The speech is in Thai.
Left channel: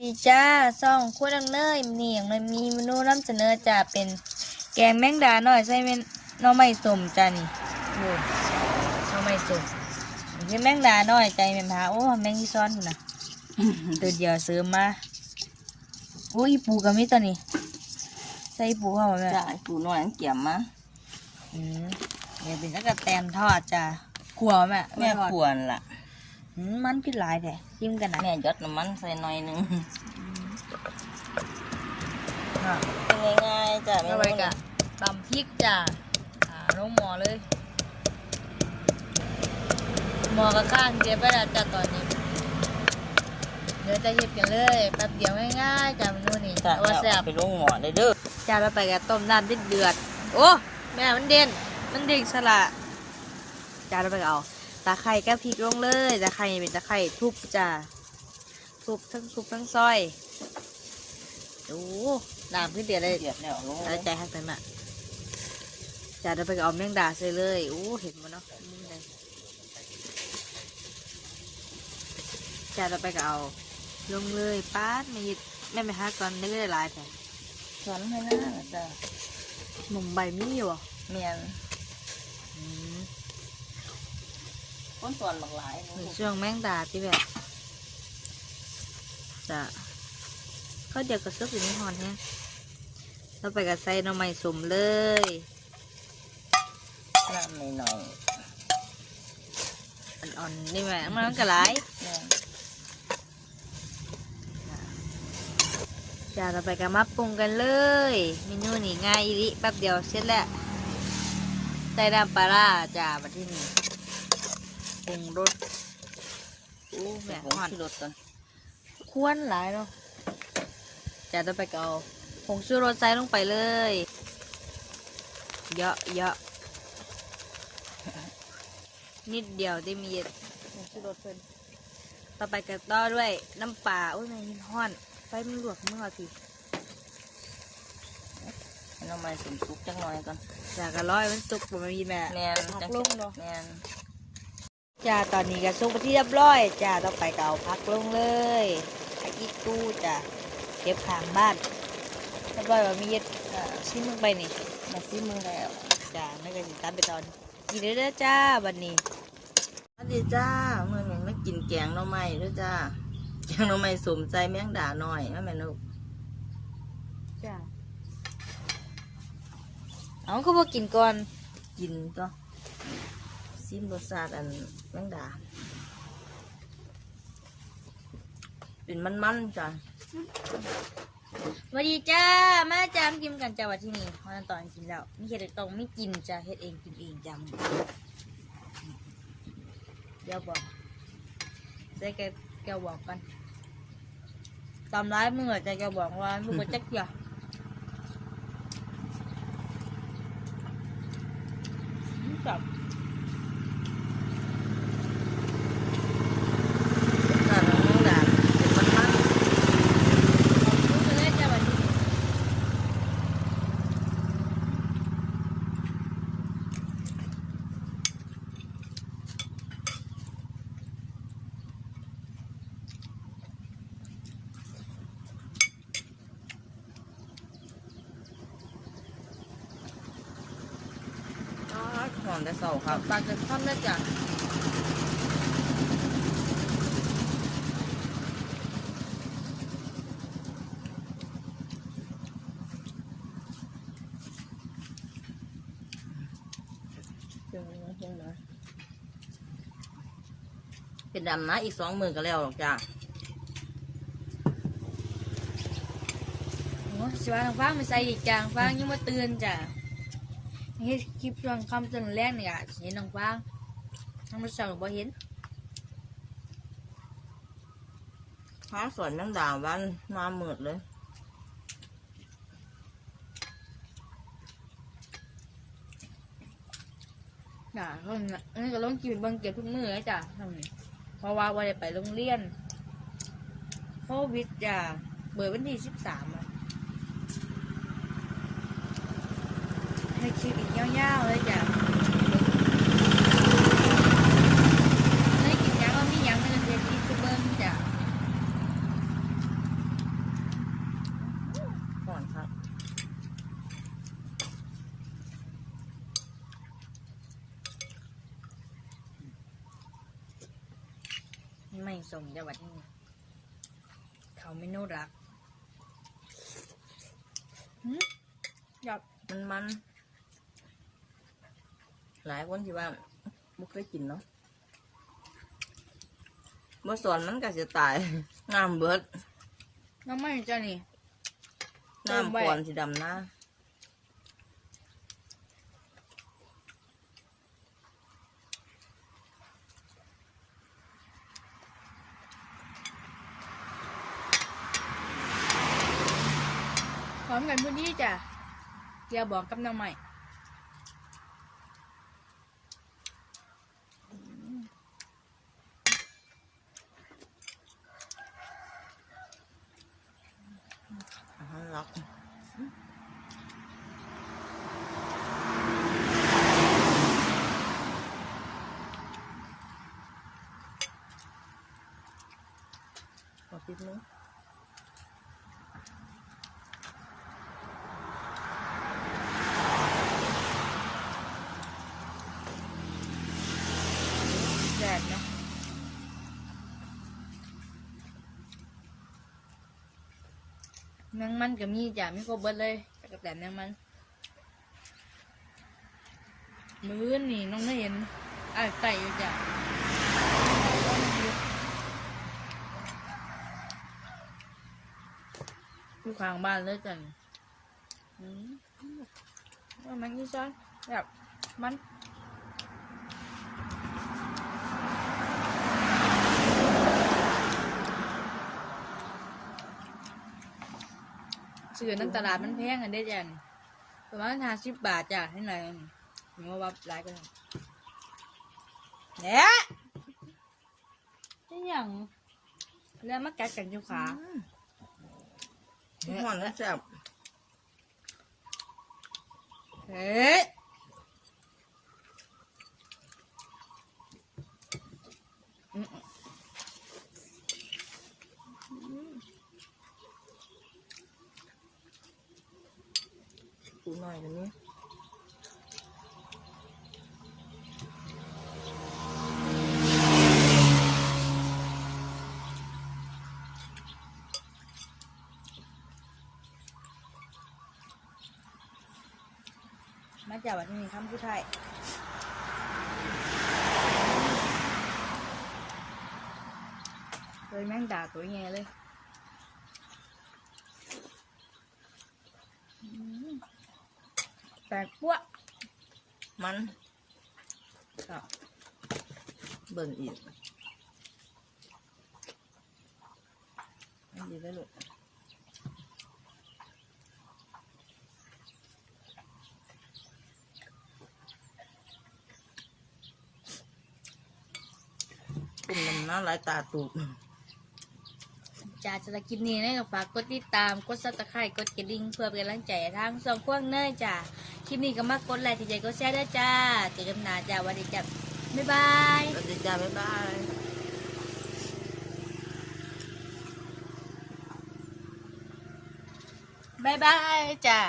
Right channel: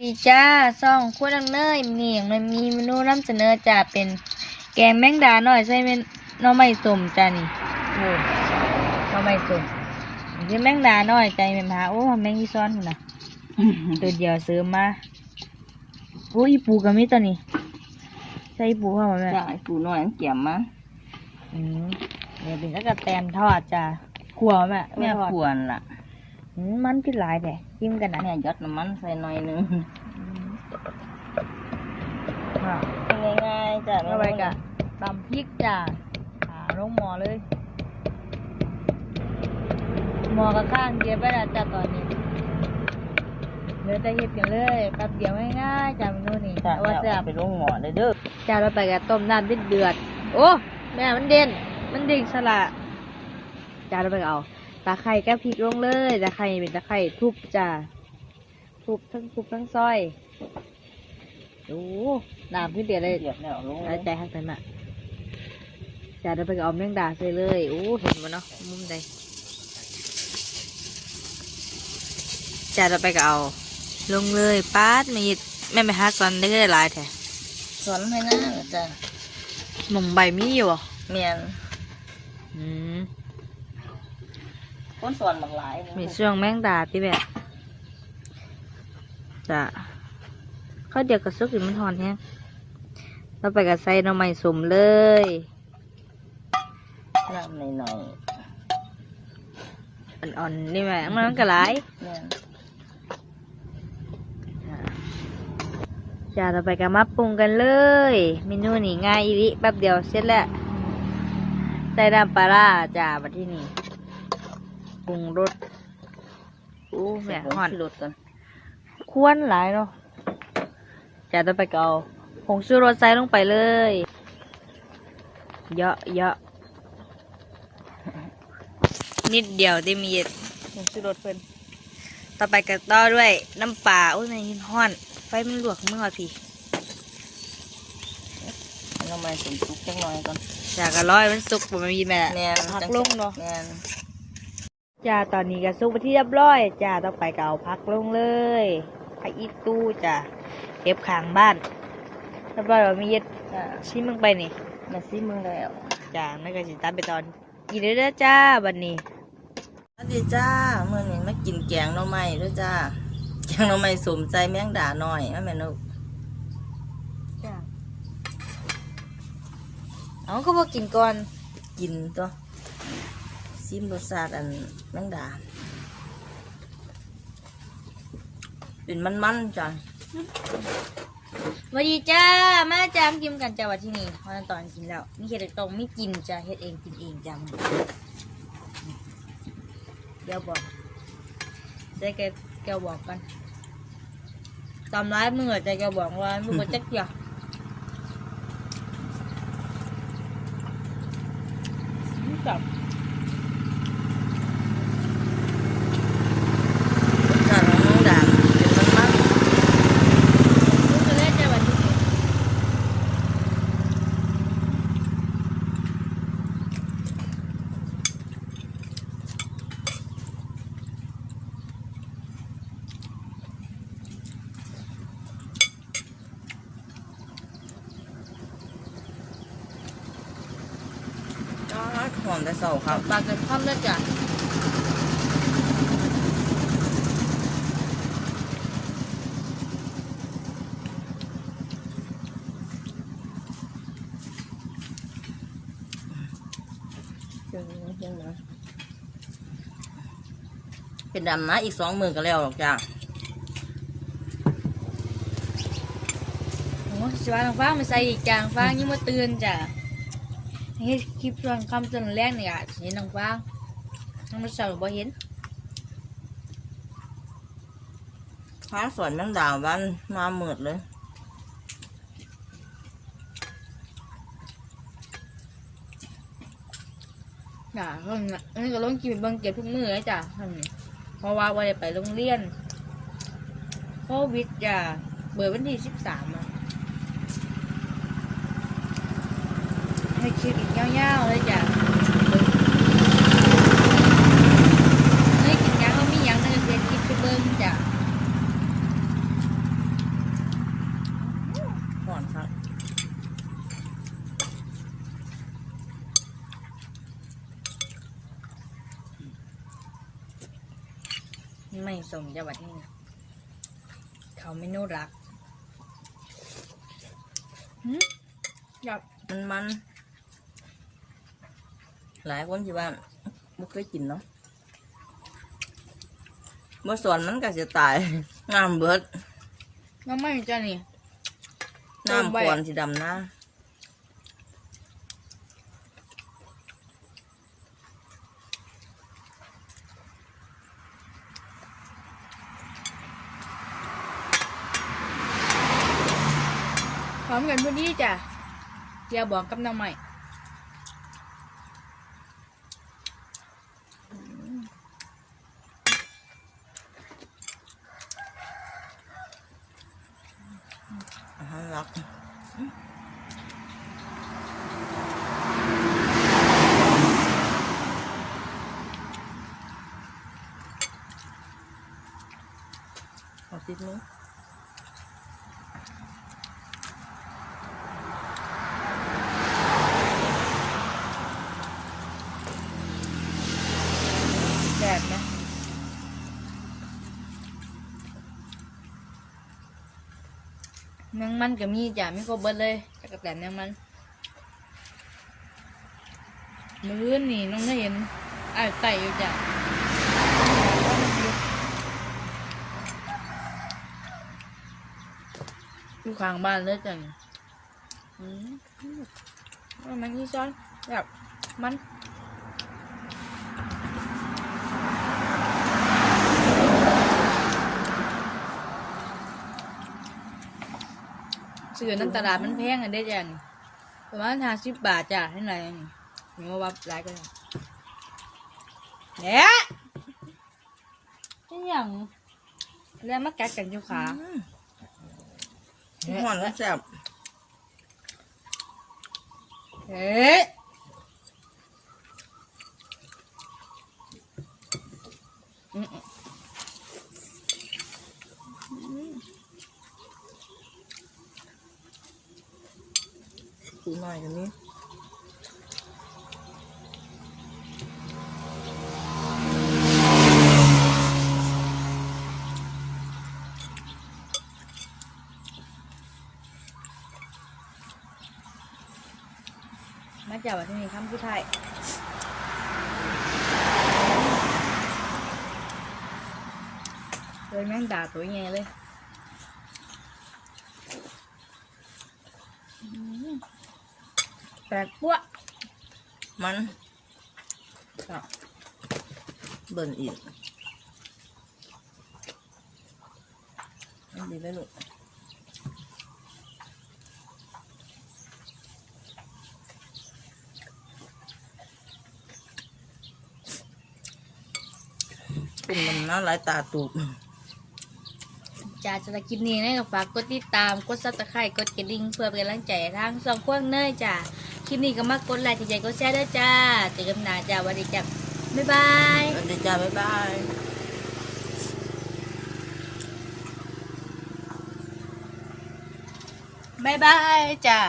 ดีจ้าซ่องคู่ดังเนยนี่อย่างมันมีเมนูนำเสนอจ้าเป็นแกงแมงดาหน่อยใส่เป็นหน่อไม้ส้มจ้านี่โอ้หน่อไม้ส้มเป็นแมงดาหน่อยใจเป็นพาโอ้แมงอีซ้อนพุ่นน่ะตัวเดียวซื้อมาโอ้อีปูก็มีตัวนี้ใส่อีปูเข้ามาแม่จ้าปูน้อยอันเกี่ยมมาอืมเนี่ยเป็นตะกะแตนทอดจ้าขัวแม่แม่ทอดควรล่ะอื มมันคือหลายแต่จิ้มกันนะแม่ยดน้ำมันใส่หน่อยหนึงอืมค่ะเป็นง่ายๆจ้ะทำไมกะตำพริกจ้ะอ่าลงหมอเลยหมอกระข้างเก็บไปแล้วจ้ะตอนนี้เดี๋ยวจะเฮ็ดกันเลยแป๊บเดียวง่ายๆจ้ะเมนูนี้จ้ะเอาว่าแซ่บไปลงหม้อได้เด้อจ้ะเราไปกับต้มน้ำเดือดๆโอ้แม่มันเด่นมันเด่งสละจ้ะเราไปเอา ตะไคร้กับพริกลงเลยตะไคร้เป็นตะไคร้ทุบจ้ะทุบทั้งทุบทั้งซอยโอ้น้ำขึ้นเดือดเลยเดือดแล้วลงใจใจฮักนั้นอะจะได้ไปเอาแมงดาใส่เลยโอ้เห็นมั้เนาะมุมใดจะได้ไปเอา ลงเลยป้าดมีแม่ไปหาซอนได้ก็ได้หลายแท้สอนให้นะจ้ะหมุมใบมีอยู่อะเมียนอืม คนสอนบักหลายนี่มีช่วงแมงดาที่แบบจะเขาเดี๋ยวกระซุกอยู่มันหอนแฮงเราไปกับใส่หน่อไม้สมเลยน้ำหน่อยอ่อนๆนี่แม่มันก็หลายๆเมียนจ้าเราไปกันมาปรุงกันเลยเมนูนี่ง่ายอีริแป๊บเดียวเสร็จแล้วใส่น้ำปลาร้าจ้ามาที่นี่ ปรุงรสอู้แม่ห่อนรถก่อนควรหลายเนาะจ้าเราไปก็เอาผงชูรสใส่ลงไปเลย เยอะเยอะนิดเดียวได้มีผงชูรสเพิ่นต่อไปก็ต่อด้วยน้ำปลาโอ้ยแม่ยินห้อน ไฟมันลวกมือเอาพี่น้ำมันสมซุกจังหน่อยก่อนอยากกระร้อยมันสุกบ่มันมีแม่แม่นพักลงเนาะแม่น จ้าตอนนี้ก็สุกไปที่เรียบร้อยจ้าต่อไปก็เอาพักลงเลยพักอีกตู้จ้าเก็บข้างบ้านเรียบร้อยว่ามีเย็ดจ้ะชิมมึงไปนี่แม่ซิมึงแล้วจ้าแล้วก็สิตามไปตอนกินเลยเด้อจ้าบัดนี้สวัสดีจ้าเมื่อนี้มากินแกงหน่อไม้ด้วยจ้าแกงหน่อไม้สมใจแมงดาหน่อยนะแม่นกจ้าเอาเขาบอกกินก่อนกินตัว ซิมรสชาติอันแมงดา เป็นมันๆจ้ะสวัสดีจ้ามาจ้ามกินกันจ้าวันที่นี่พอตอนกินแล้วมีเฮ็ดตรงไม่กินจ้าเฮ็ดเองกินเองจ้าเดี๋ยวบอกใจแกแกบอกกันตำร้ายมือใจแกบอกว่ามือก็จักเดียวกับ รสชาติของแมงดาเป็นมัน รู้กันเลยจ้าวันนี้ ๆ อ๋อหอมแต่เสาครับปากกันค่ำแล้จ้ะเป็นดำนะอีกสองมือก็แล้วหรอกจ้าโอ้สวาทางฟ้ามาใส่อีกจางฟ้ายังมาตื่นจ้ะ เฮ็ดคลิปช่วงค่ำจนแรกเนี่ยอะเห็นทางฟ้ายังมาเสาร์บ่เห็นข้าวสวนแมงดาวันมาหมืดเลยจ้ะห้องน่ะอันนี้ก็ลงกินเบิ่งเก็บทุกมื้อเลยจ้ะห้องนี้เพราะว่าวันไปโรงเรียนโควิดจ้ะเบิดวันที่สิบสามอะ ให้คลิปอีกยาวๆเลยจ้ะเฮ้กินยังมันมียังเลยเะกิปเบิ้งจ้ะก่อครับไม่สมจังหวัดนี้เขาไม่น่ารัก Hmm? Yep. And. หลายคนที่ว่าไม่เคยกินเนาะเมื่อสอนมันก็จะตายงามเบิดน้ำไม่จ้านี่น้ำควรสีดำหน้าพร้อมกันพอดีจ้ะอย่าบอกกับน้ำใหม่ อาหารรักเอาติดนี้ แดดนะ แมงมันก็มีจ้ะไม่ครบเบิดเลยแต่กับแต่แมงมันมื้อนี่น้องได้เห็นอ้ายไก่อยู่จ้ะอยู่ข้างบ้านเลยจ้ะอืมมันนี่ซ้อนแบบมัน ซื้อน้ำตลาดมันแพงอันเด้จ้ะนี่ประมาณห้าสิบบาทจ้ะเท่าไหร่นี่มีว่าวัดหลายก็ได้เนี่ยนี่อย่างแล้วมากัดกันอยู่ขาอืมหอนแล้วแซ่บเฮ้ หน่อยตรงนี้มาจากวัดที่นี่คำผู้ไทยเลยแม่งด่าตัวไงเลยอืมแปลกปั้วมันเบิ่นอีกอันดีเลยลูกเป็นมันน่าหลายตาตูบจ้าสำหรับคลิปนี้นะฝากกดติดตาม กดซับสไครต์กดกระดิ่งเพื่อเป็นกำลังใจทางสองพวเนยจ้า ลิปนี้ก็มากดไลค์ใจกดแชร์ด้วยจ้าเจอกันหน้าจ้าวันนี้จ้าบ๊ายบายสวัสดีจ้าบ๊ายบายบ๊ายบายจ้า